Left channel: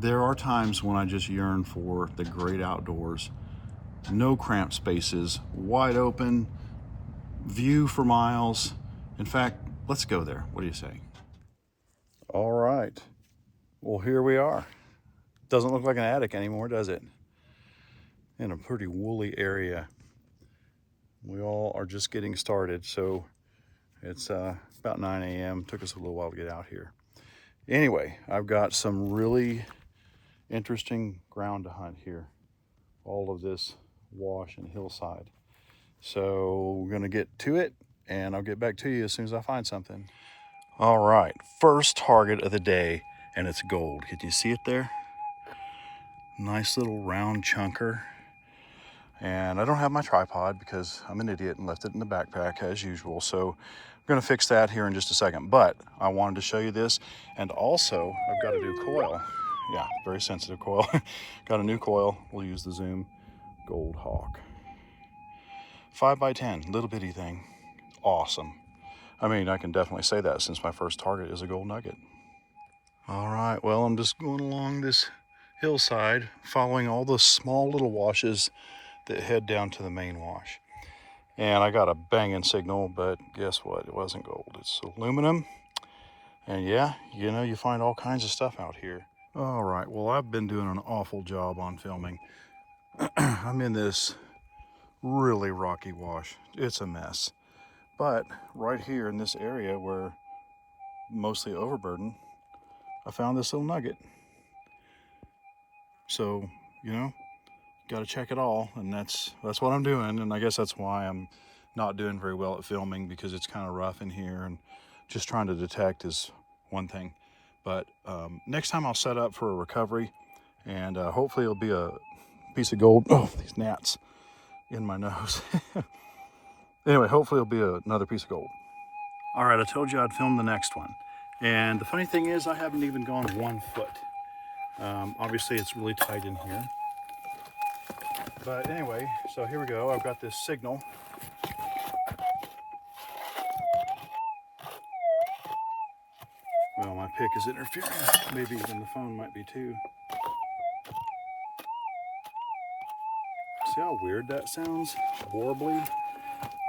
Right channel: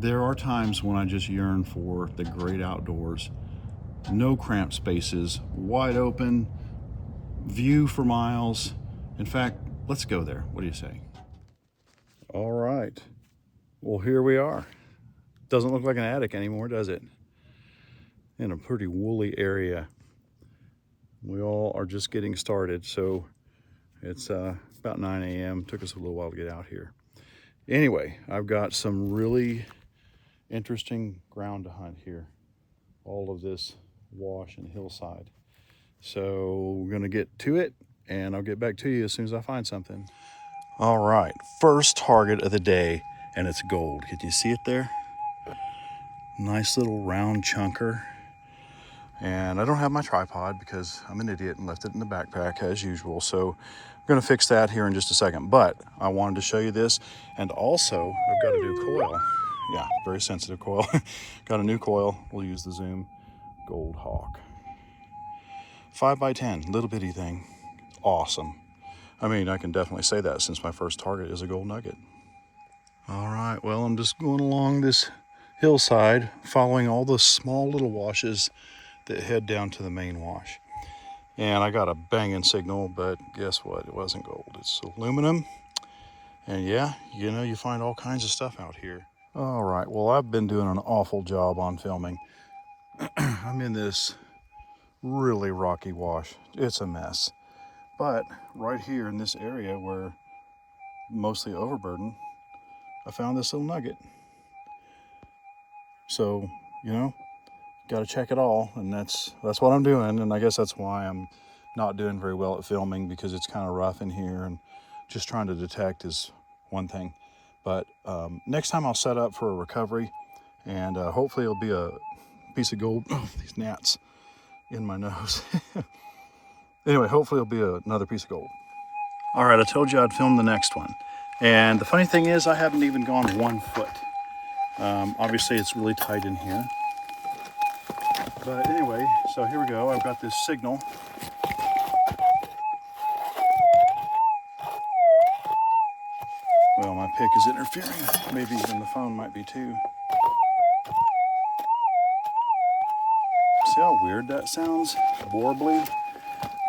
There are times when I just yearn for the great outdoors. No cramped spaces, wide open, view for miles. In fact, let's go there. What do you say? All right. Well, here we are. Doesn't look like an attic anymore, does it? In a pretty woolly area. We all are just getting started, so it's about 9 a.m. Took us a little while to get out here. Anyway, I've got some really interesting ground to hunt here. All of this wash and hillside. So we're gonna get to it, and I'll get back to you as soon as I find something. All right, first target of the day, and it's gold. Can you see it there? Nice little round chunker. And I don't have my tripod because I'm an idiot and left it in the backpack as usual. So we're gonna fix that here in just a second. But I wanted to show you this. And also, I've got a new coil. Yeah, very sensitive coil. Got a new coil. We'll use the Zoom Gold Hawk. 5x10, little bitty thing. Awesome. I mean, I can definitely say that since my first target is a gold nugget. All right, well, I'm just going along this hillside, following all the small little washes that head down to the main wash. And I got a banging signal, but guess what? It wasn't gold, it's aluminum. And yeah, you know, you find all kinds of stuff out here. All right, well, I've been doing an awful job on filming. I'm in this really rocky wash. It's a mess. But right here in this area where mostly overburdened, I found this little nugget. So, you know, got to check it all, and that's what I'm doing. And I guess that's why I'm not doing very well at filming, because it's kind of rough in here, and just trying to detect is one thing. But next time I'll set up for a recovery, and hopefully it'll be a piece of gold. Oh, these gnats in my nose. Anyway, hopefully it'll be another piece of gold. All right, I told you I'd film the next one. And the funny thing is, I haven't even gone 1 foot. Obviously it's really tight in here. But anyway, so here we go. I've got this signal. Well, my pick is interfering. Maybe even the phone might be too. See how weird that sounds? Warbly.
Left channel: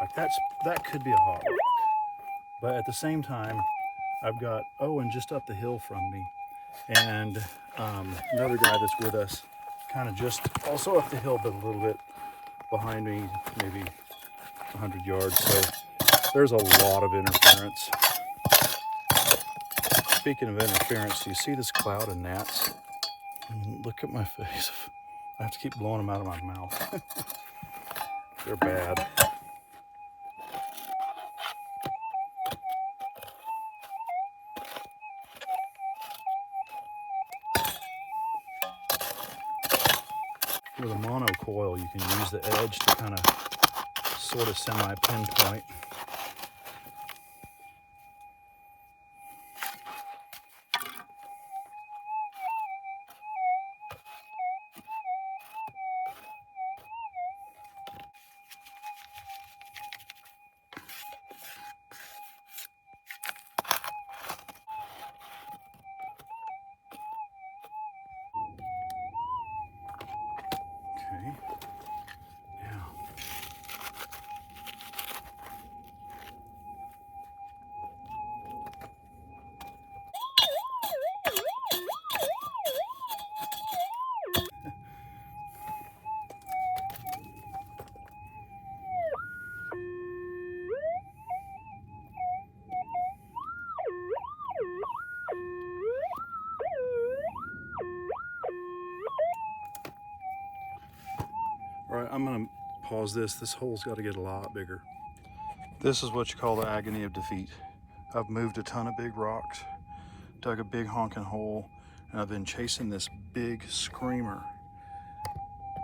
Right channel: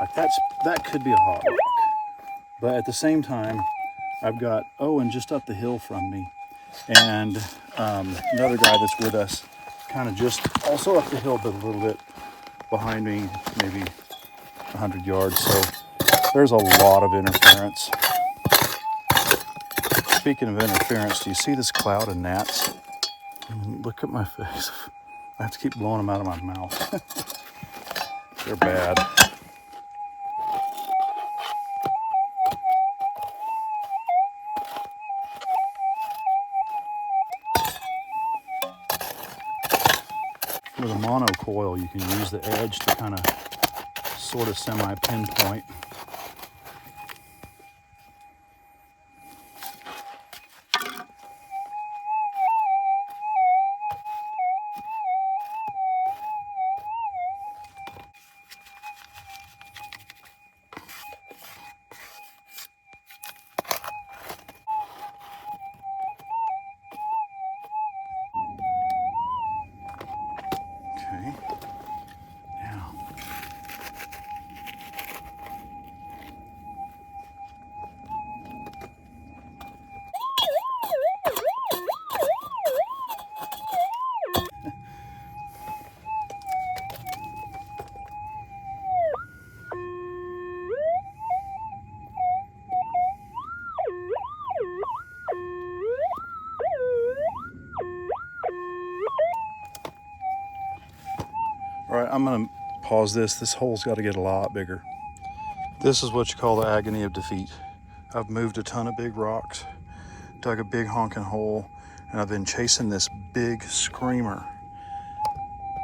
Like that could be a hot rock. But at the same time, I've got Owen just up the hill from me, and another guy that's with us, kind of just also up the hill, but a little bit behind me, maybe 100 yards. So there's a lot of interference. Speaking of interference, do you see this cloud of gnats? Look at my face. I have to keep blowing them out of my mouth. They're bad. With a mono coil, you can use the edge to kind of sort of semi-pinpoint. Okay. Now. All right, I'm gonna pause this. This hole's got to get a lot bigger. This is what you call the agony of defeat. I've moved a ton of big rocks, dug a big honking hole, and I've been chasing this big screamer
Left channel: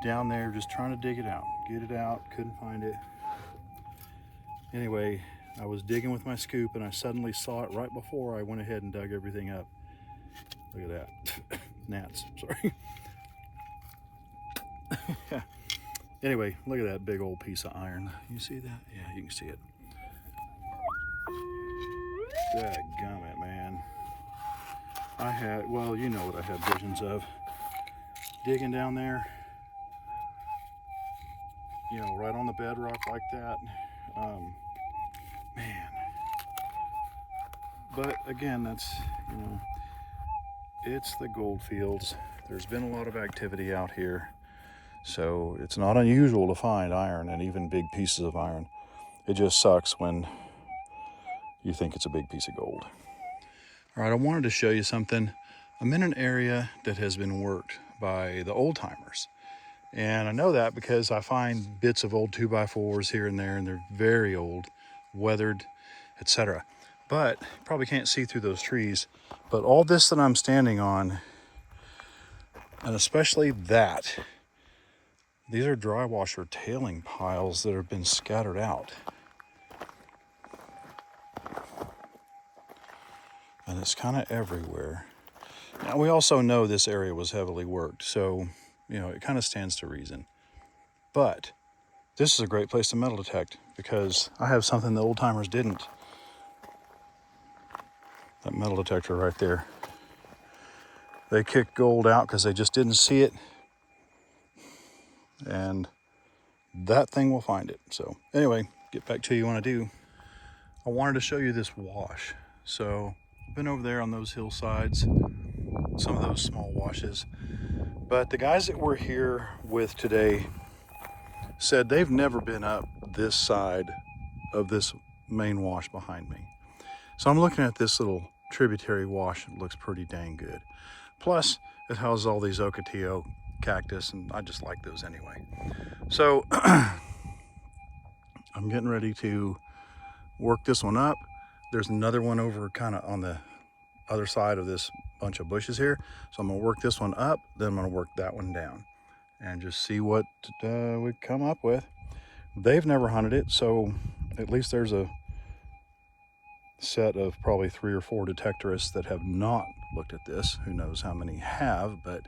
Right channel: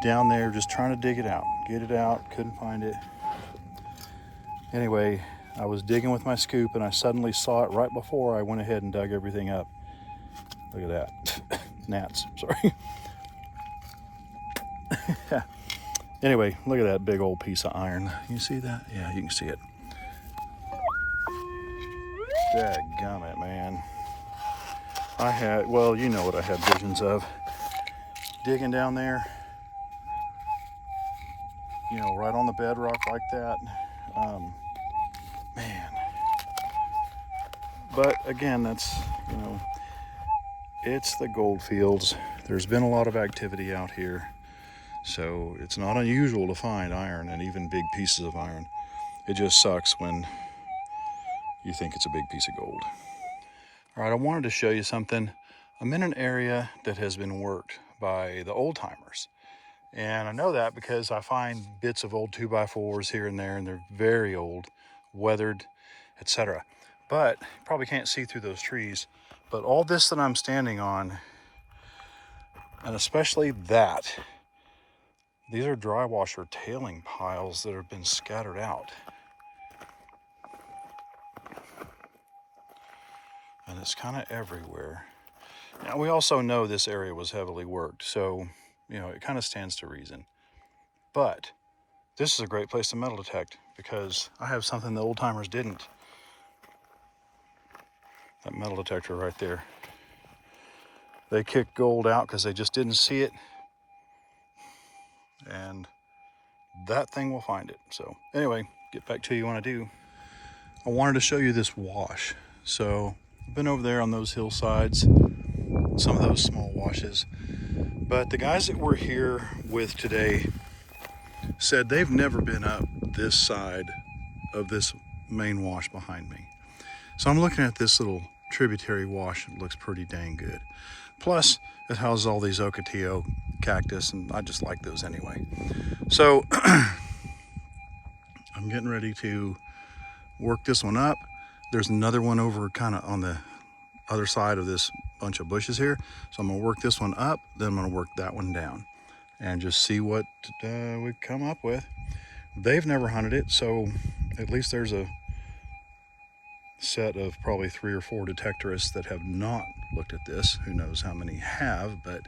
down there, just trying to dig it out, get it out, couldn't find it. Anyway, I was digging with my scoop, and I suddenly saw it right before I went ahead and dug everything up. Look at that. Gnats, sorry. Anyway, look at that big old piece of iron. You see that? Yeah, you can see it. Dadgummit, man. I had, well, you know what I had visions of. Digging down there, you know, right on the bedrock like that. Man. But again, that's, you know, it's the gold fields. There's been a lot of activity out here. So it's not unusual to find iron and even big pieces of iron. It just sucks when you think it's a big piece of gold. All right, I wanted to show you something. I'm in an area that has been worked by the old timers. And I know that because I find bits of old 2x4s here and there, and they're very old, weathered, etc. But you probably can't see through those trees. But all this that I'm standing on, and especially that, these are dry washer tailing piles that have been scattered out. And it's kind of everywhere. Now, we also know this area was heavily worked, so, you know, it kind of stands to reason. But this is a great place to metal detect because I have something the old timers didn't. That metal detector right there. They kicked gold out because they just didn't see it. And that thing will find it. So anyway, get back to you when I do. I wanted to show you this wash. So I've been over there on those hillsides, some of those small washes. But the guys that we're here with today said they've never been up this side of this main wash behind me. So I'm looking at this little tributary wash. It looks pretty dang good. Plus, it houses all these ocotillo cactus, and I just like those anyway. So I'm getting ready to work this one up. There's another one over kind of on the other side of this bunch of bushes here. So I'm gonna work this one up, then I'm gonna work that one down and just see what we come up with. They've never hunted it, so at least there's a set of probably 3 or 4 detectorists that have not looked at this. Who knows how many have, but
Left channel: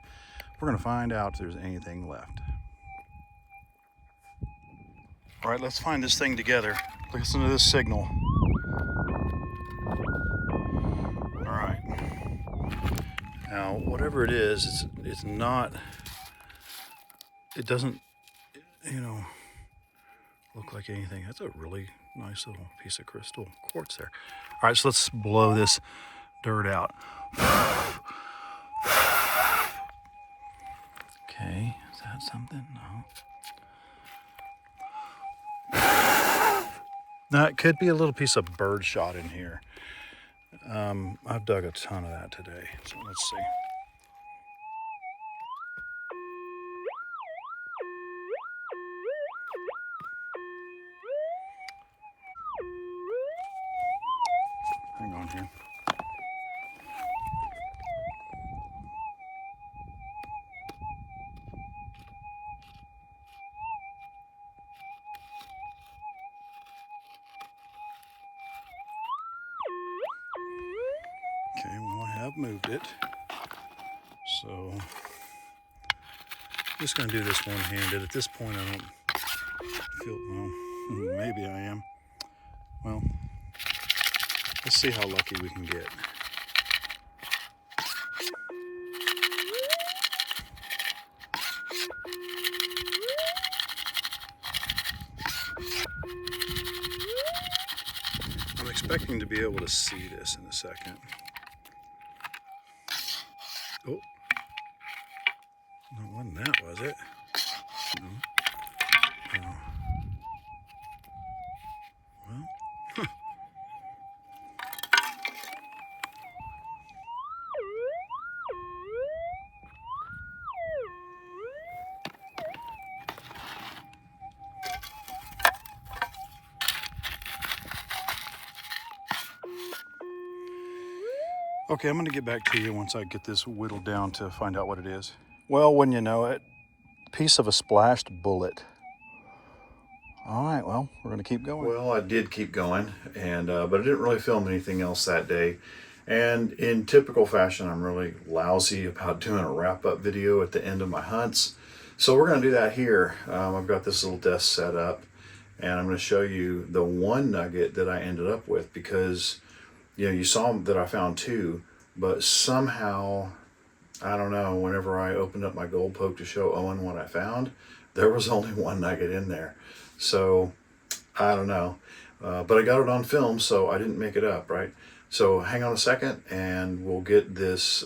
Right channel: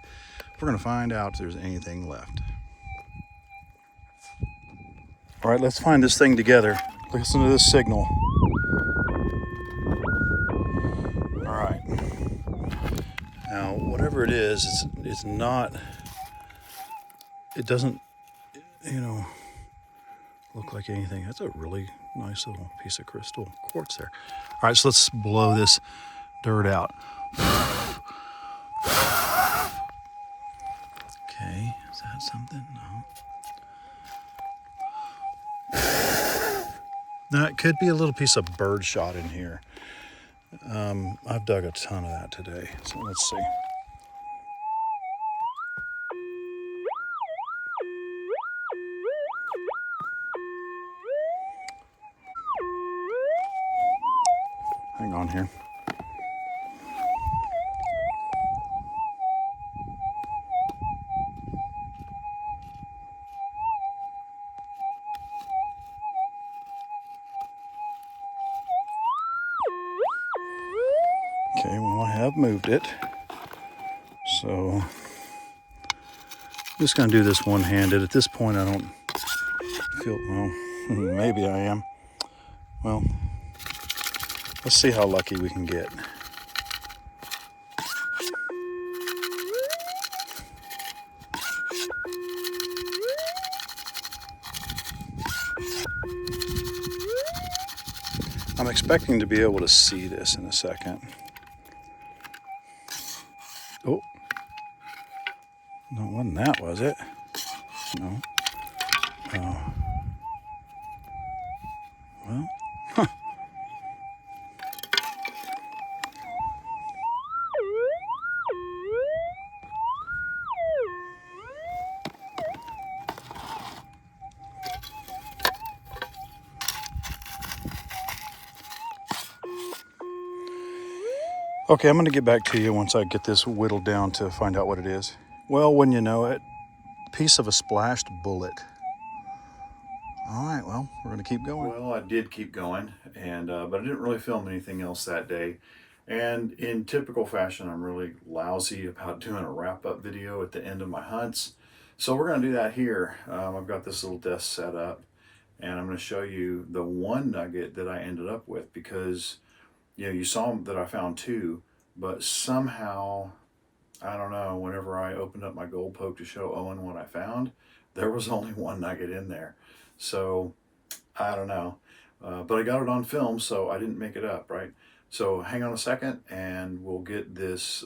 we're gonna find out if there's anything left. All right, let's find this thing together. Listen to this signal. All right. Now, whatever it is, it's not, it doesn't, you know, look like anything. That's a really nice little piece of crystal quartz there. All right, so let's blow this dirt out. Okay, is that something? No. Now, it could be a little piece of bird shot in here. I've dug a ton of that today, so let's see. Hang on here. Okay, well, I have moved it. So, I'm just gonna do this one-handed. At this point, I don't feel, well, maybe I am. Well, let's see how lucky we can get. I'm expecting to be able to see this in a second. Oh, no, it wasn't that, was it? No. Oh. Well, huh. Okay, I'm gonna get back to you once I get this whittled down to find out what it is. Well, when you know it, piece of a splashed bullet. All right, well, we're gonna keep going. Well, I did keep going, and but I didn't really film anything else that day. And in typical fashion, I'm really lousy about doing a wrap-up video at the end of my hunts. So we're gonna do that here. I've got this little desk set up, and I'm gonna show you the one nugget that I ended up with because, you know, you saw that I found 2, but somehow, I don't know, whenever I opened up my gold poke to show Owen what I found, there was only one nugget in there. So I don't know. But I got it on film, so I didn't make it up, right? So hang on a second and we'll get this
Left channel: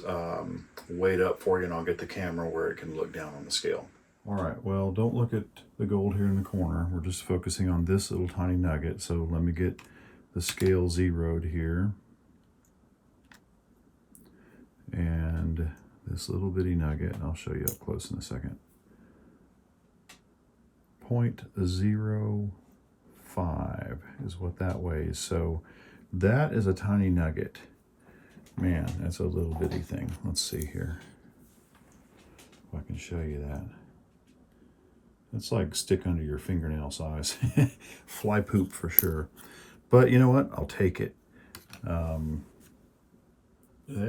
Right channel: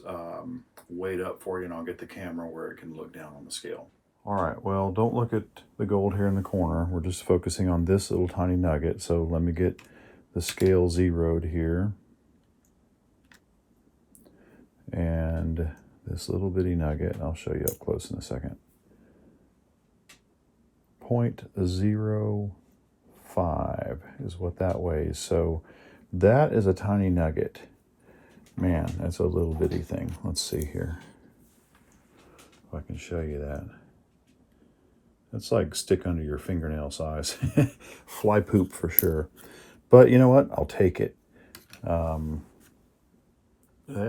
weighed up for you, and I'll get the camera where it can look down on the scale. All right, well, don't look at the gold here in the corner. We're just focusing on this little tiny nugget. So let me get the scale zeroed here. And this little bitty nugget, I'll show you up close in a second. 0.05 is what that weighs. So that is a tiny nugget. Man, that's a little bitty thing. Let's see here if I can show you that. That's like stick under your fingernail size. Fly poop for sure. But you know what? I'll take it. They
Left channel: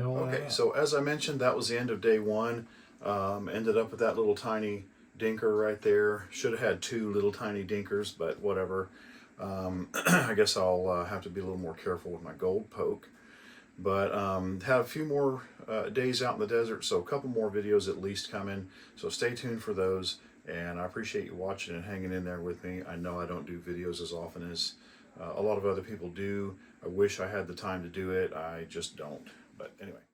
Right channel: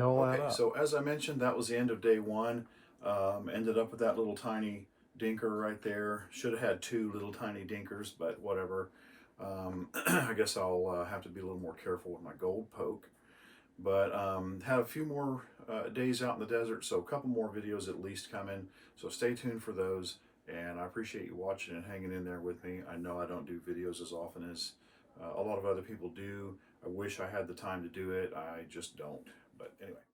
all okay, so as I mentioned, that was the end of day one. Ended up with that little tiny dinker right there. Should have had two little tiny dinkers, but whatever. I guess I'll have to be a little more careful with my gold poke. But had a few more days out in the desert, so a couple more videos at least coming. So stay tuned for those. And I appreciate you watching and hanging in there with me. I know I don't do videos as often as a lot of other people do. I wish I had the time to do it. I just don't. But anyway.